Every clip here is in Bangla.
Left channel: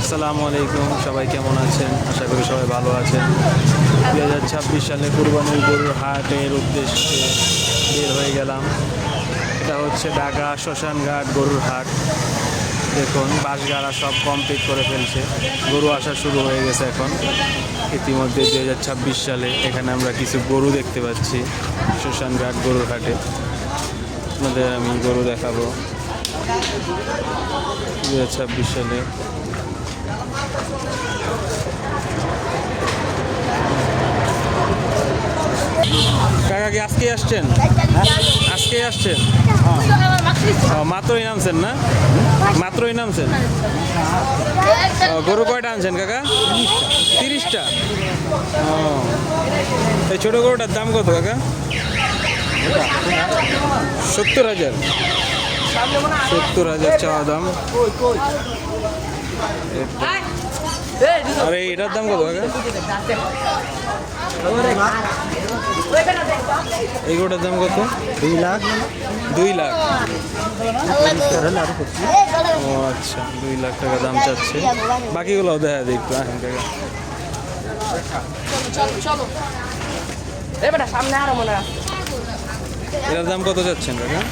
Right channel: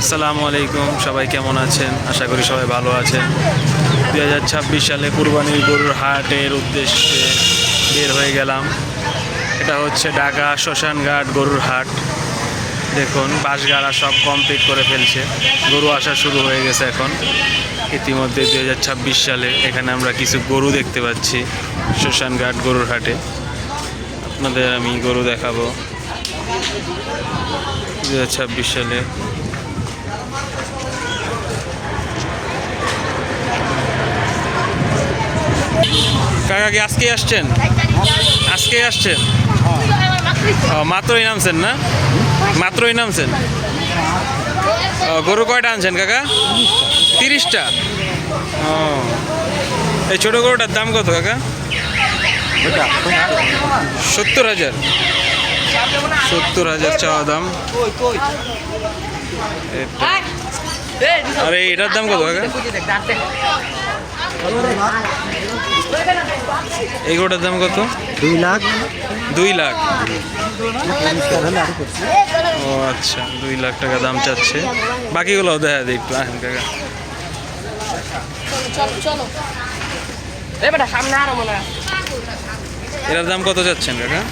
আসসালামু আলাইকুম, সবাই কেমন আছেন? আশা করি সবাই ভালো আছেন। 2026 সালে কুরবানির গরুর হাটের উদ্দেশ্যে বের হয়ে গেলাম। এটা হচ্ছে ঢাকা শ্মশানঘাট গরুর হাট। দেখুন বাঁশগাড়া সব কমপ্লিট করে ফেলছে, গরু আসা শুরু হয়ে গেছে এখন। ইতিমধ্যে 2026 সালে এখানে আমরা কিছু গরু দেখতে পাচ্ছি শ্মশানঘাট গরুর হাটে। আপনাদের আমি গরু দেখাবো 2026 সালে। কাকা কি আজকে আসছেন? আজকে আসছেন? মাত্রই নামছেন না? মাত্রই নামছেন? গরু কয়টা আনছেন কাকা? 30টা। ও, এই ছোট গরুটার দাম কত কাকা? 70,000। 70,000 চাওয়া দাম। আরে এটার দাম কত কাকা? এই গরুটার দাম কত? 2 লাখ। 2 লাখ। ও আচ্ছা, 2 লাখ টাকা দাম চাচ্ছে। বাকিগুলোও দেখা দিই একটু আহেন কাকা। এটার দাম কত চাচ্ছেন কাকা?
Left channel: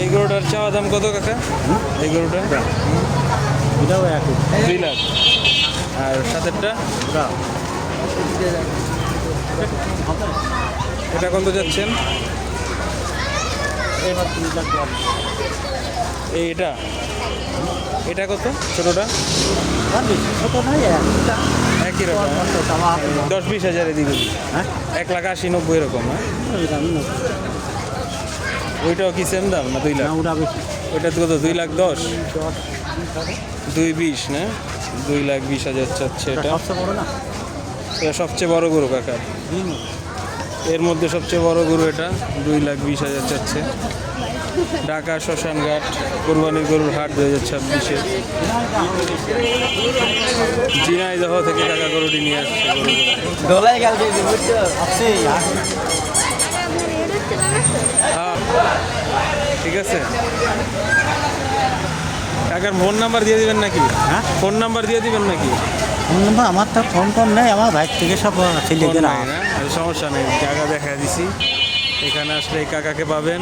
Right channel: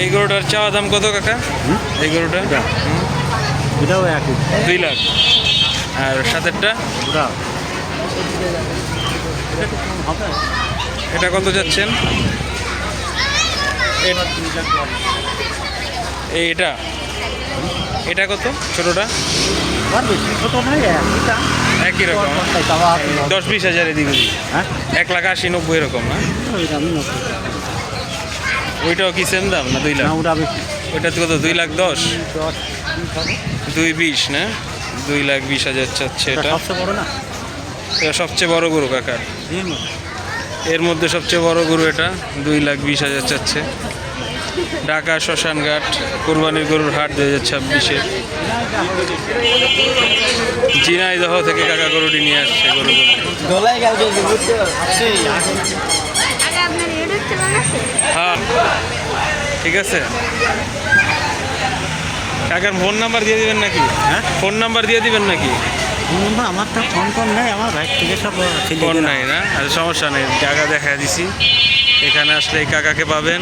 এই গরুটার চাওয়া দাম কত কাকা? এই গরুটা 2 লাখ। আর সাতেরটা এটা কত যাচ্ছেন? এটা এটা কত? ছোটটা একই রকম, 10-20 হাজার এদিক ওদিক। 1,80,90 এরকম না? ওইটাও কি সেম দাম না 2 লাখ? ওইটা কত? 2,10,000। 2,20 না? 2,20,000 চাচ্ছে এটা। এটা সবচেয়ে বড় গরু কাকার, এর মধ্যে সবচেয়ে বড় গরু এটা। 2,20,000 চাচ্ছে। ঢাকা শ্মশানঘাট কোরবানির গরুর হাট 2026-এ ঝিনাইদহ থেকে কাকা গরুটি নিয়ে আসছে। হ্যাঁ ঠিক আছে। কাকার ফোন নাম্বার দিয়ে দিবেন নাকি? ফোন নাম্বার দিয়ে দিবেন নাকি? আমার তো ফোন নেই, আমার ভাই থেকে সব ফোন নাই না? আচ্ছা সমস্যা নেই, জায়গা দেখা দিছি। এখানে আসলে এই কাকাকে পাবেন,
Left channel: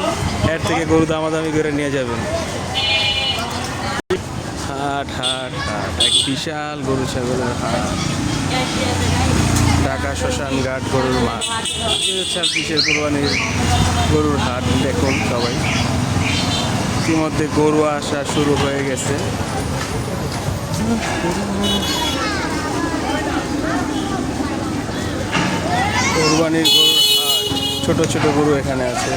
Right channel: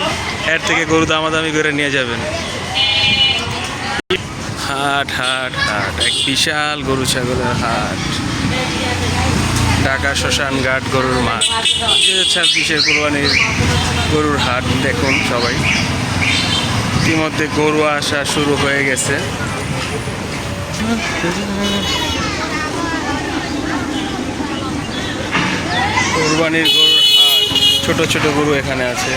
এর থেকে গরু দামাদামি করে নিয়ে যাবেন। হাট হাট হাট, এক বিশাল গরু ছাগলের হাট। ঢাকা শ্মশানঘাট গরুর মাঠ, 2026-এর কোরবানির গরুর হাট। দেখুন সবাই, ইতিমধ্যে গরু আসা শুরু হয়ে গেছে। কোরবানির গরুর হাট, ছোট ছোট গরু এখানে আছে।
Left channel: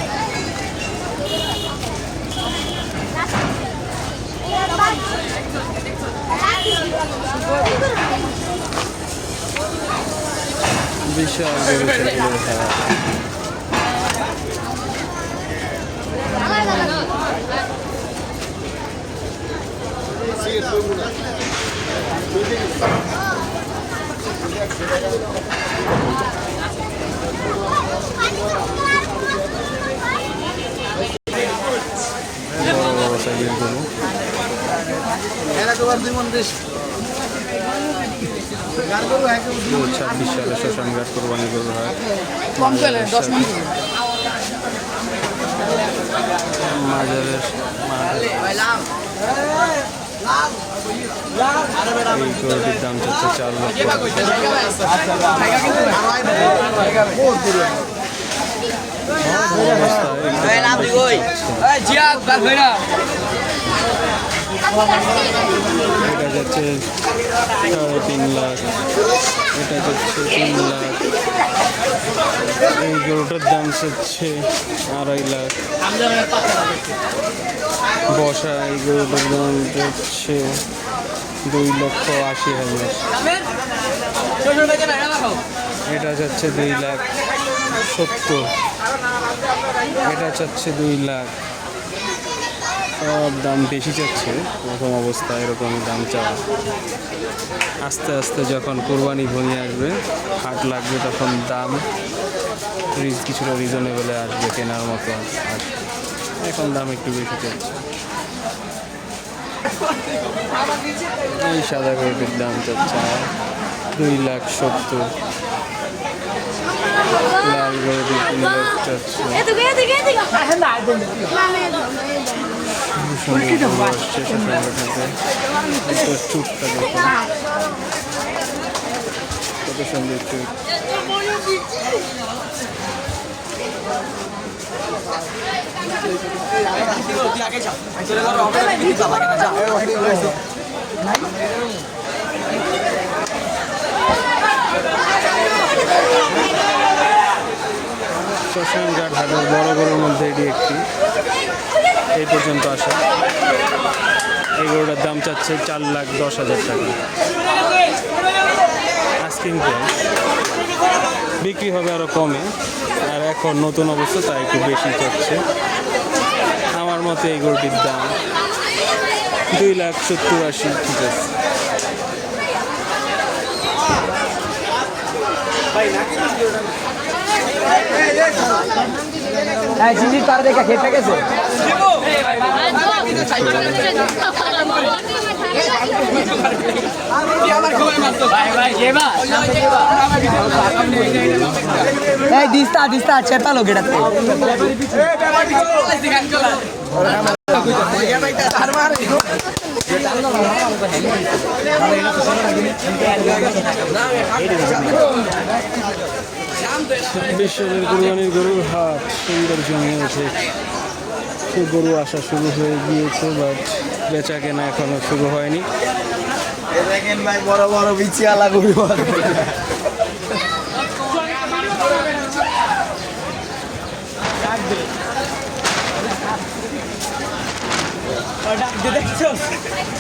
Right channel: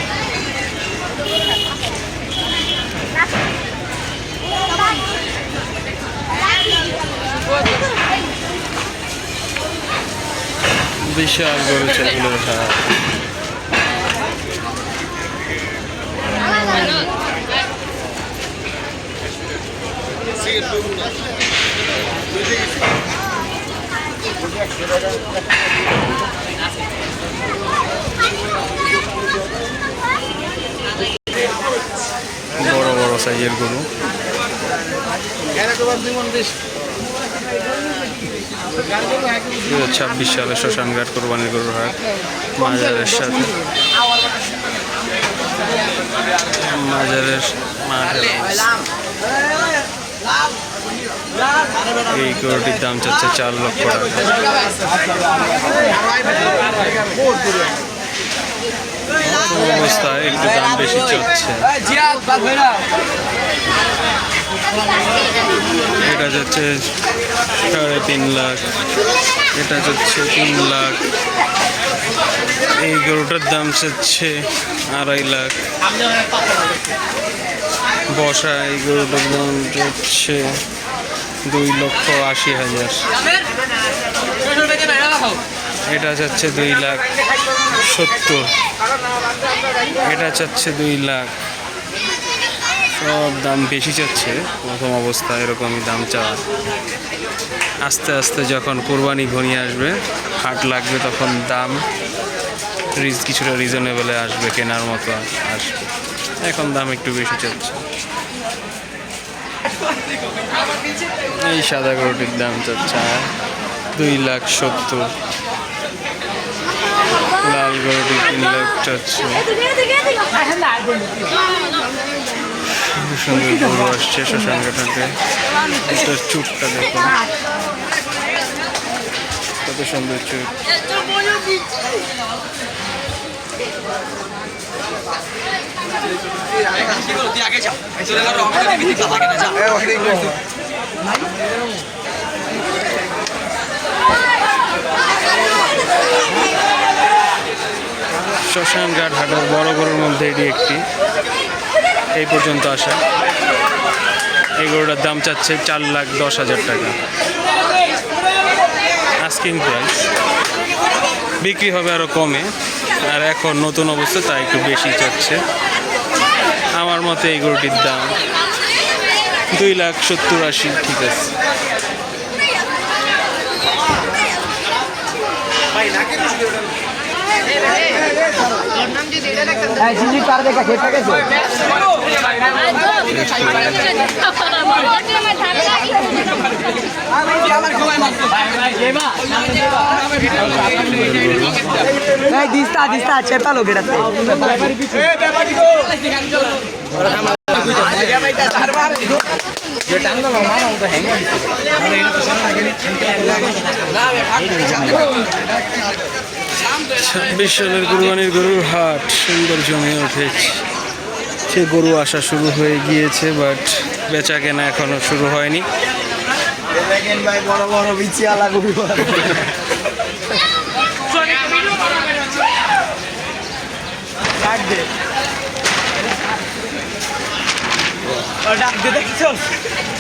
বিশাল গরু ছাগলের হাট। বড় বড় সাইজের গরু। 2026 সালে শ্মশানঘাট কোরবানির গরুর হাট মাজারের সাথে, মাজারের মাঠের। এই গরুটির দাম চাচ্ছে 4 লক্ষ টাকা। অবস্থায় একটু দাম বেশি চাচ্ছে। এটা যাচ্ছে 3.5 লাখ, এটা যাচ্ছে 3 লাখ। এই গরুটার দাম চাচ্ছে 2.5 লাখ। বসা এই গরুটার দাম যাচ্ছে 2,80,000। এটা যাচ্ছে 2,70,000। এটা চাচ্ছে 2 লাখ। সব দাম বেশি চাচ্ছে, প্রথম অবস্থা এরকমই দাম চাওয়া। আস্তে আস্তে যখন কোরবানি ঘনিয়ে আসবে, হাট লাগবে, তখন দাম কিছুটা রিজনেবলে আসবে, কেনার মতো আসবে। এখন দাম একটু বেশি চাচ্ছে। এই সাদা গরুটির দাম চাচ্ছে 2,70,000। লাল গরুটি 3,00,000 চাচ্ছে। সুন্দর গরু আসছে শ্মশানঘাটাতে। এটার চুটটা দেখো, কত সুন্দর চুট। শ্মশানঘাট হাটের বড় গরুর মধ্যে এটি একটি। এই পর্যন্ত আসা। এই গরুটার দাম চাচ্ছে 4,10,000 টাকা আস্কিং প্রাইস। বিক্রি হবে আরও কমে, আর এখন নতুন অবস্থা তাই একটু বেশি চাচ্ছে। আমার মতে এই গরুটির দাম 2,70,000-80,000 ঠিক আছে। দিস্তা চেপা লোক এটা সালের কুরবানির গরুর হাট সুন্দর জমে উঠেছে। সে গরু আসা শুরু হয়ে গিয়েছে, বাট বেচা কেনা এখনো শুরু হয়নি। ভাই বড় বড় বিচিয়া লাগবে।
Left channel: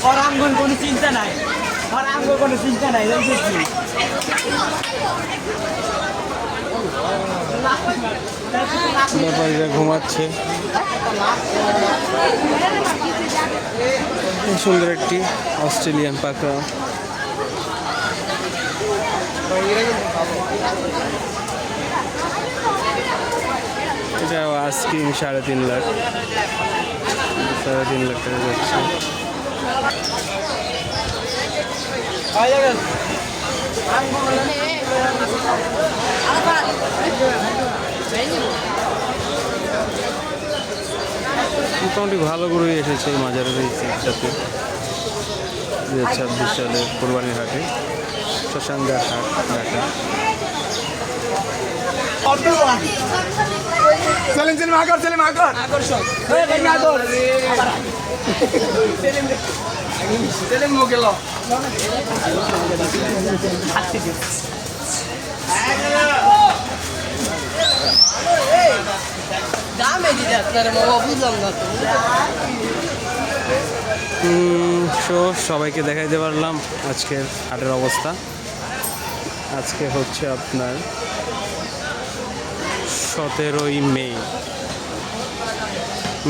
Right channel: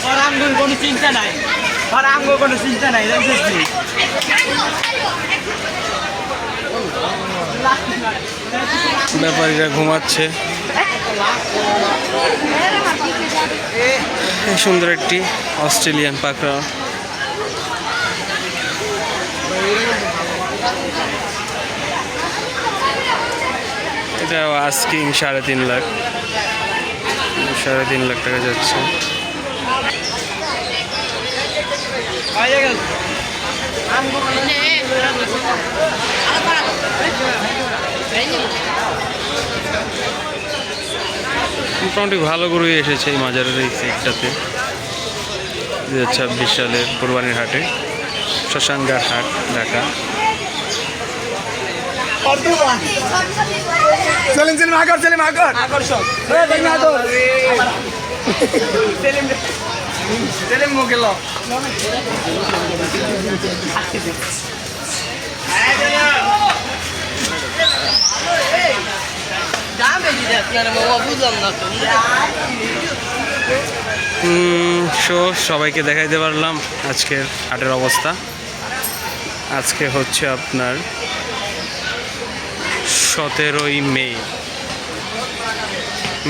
ওর আঙ্গুল কোনো চিন্তা নাই, ওর আঙ্গুল কোনো চিন্তা নাই। ব্যাপারীরা ঘুমাচ্ছে। এই সুন্দর একটি অস্ট্রেলিয়ান পাকড়া। এটা আস্কিং 3.5 লাখ টাকা যাচ্ছে। মোটামুটি ভালো গরুই এসেছে এই মাজারের এই সাইডটাতে। 2026 সালের কোরবানির হাটে, শ্মশানঘাট হাট, ঢাকা। সবাইকে দেখাইতে পারলাম আজকের হাটের অবস্থা। আজকে হচ্ছে আপনার 17ই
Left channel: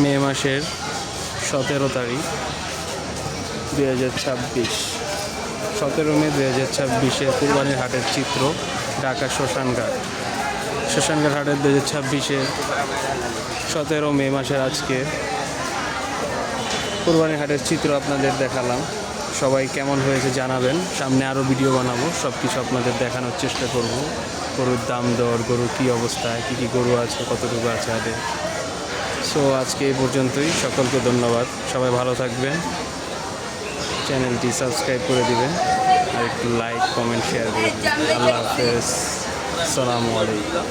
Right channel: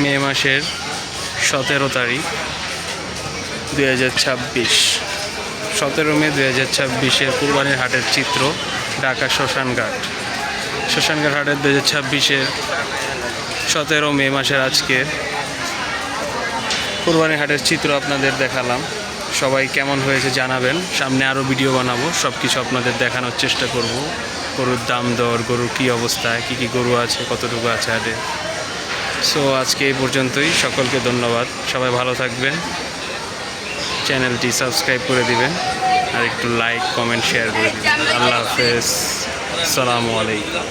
মে মাসের 17 তারিখ 2026। 17 মে 2026-এর কুরবানির হাটের চিত্র, ঢাকা শ্মশানঘাট হাটের 2026-এর 17 মে মাসের আজকের কুরবানির হাটের চিত্র আপনাদের দেখালাম। সবাই কেমন হয়েছে জানাবেন। সামনে আরও ভিডিও বানাবো, সব কিছু আপনাদের দেখানোর চেষ্টা করব। গরুর দাম দর, গরুর কী অবস্থায়, কী গরু আছে, কতটুকু আছে হাটে। সো আজকে এই পর্যন্তই। সকলকে ধন্যবাদ। সবাই ভালো থাকবেন। চ্যানেলটি সাবস্ক্রাইব করে দিবেন, আর একটু লাইক, কমেন্ট, শেয়ার করে দিবেন। আল্লাহ হাফেজ, আসসালামু আলাইকুম।